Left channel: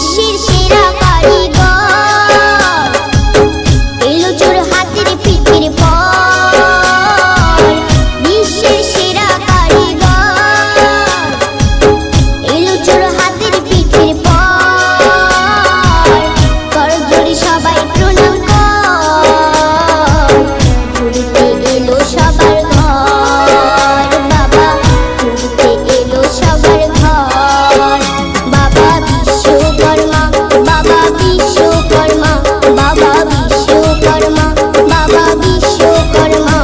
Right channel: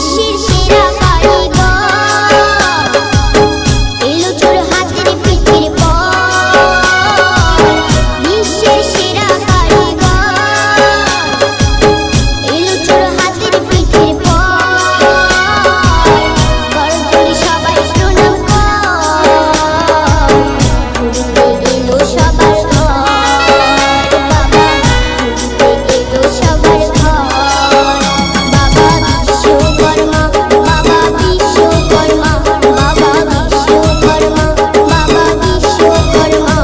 বিশ্বের সেরা কারিগর, এলো চোর হাতের পিঠের পর। বিশ্বের সেরা কারিগর, এলো চোর হাতের পিঠের পর। করজোড়ে সবাই প্রণাম কর, ঘুরতে এলো সবার ঘর। বাবা ঘুরতে এলো সবার ঘর। বাবা বিশ্বকর্মা, বাবা বিশ্বকর্মা, বাবা বিশ্বকর্মা, বাবা বিশ্বকর্মা।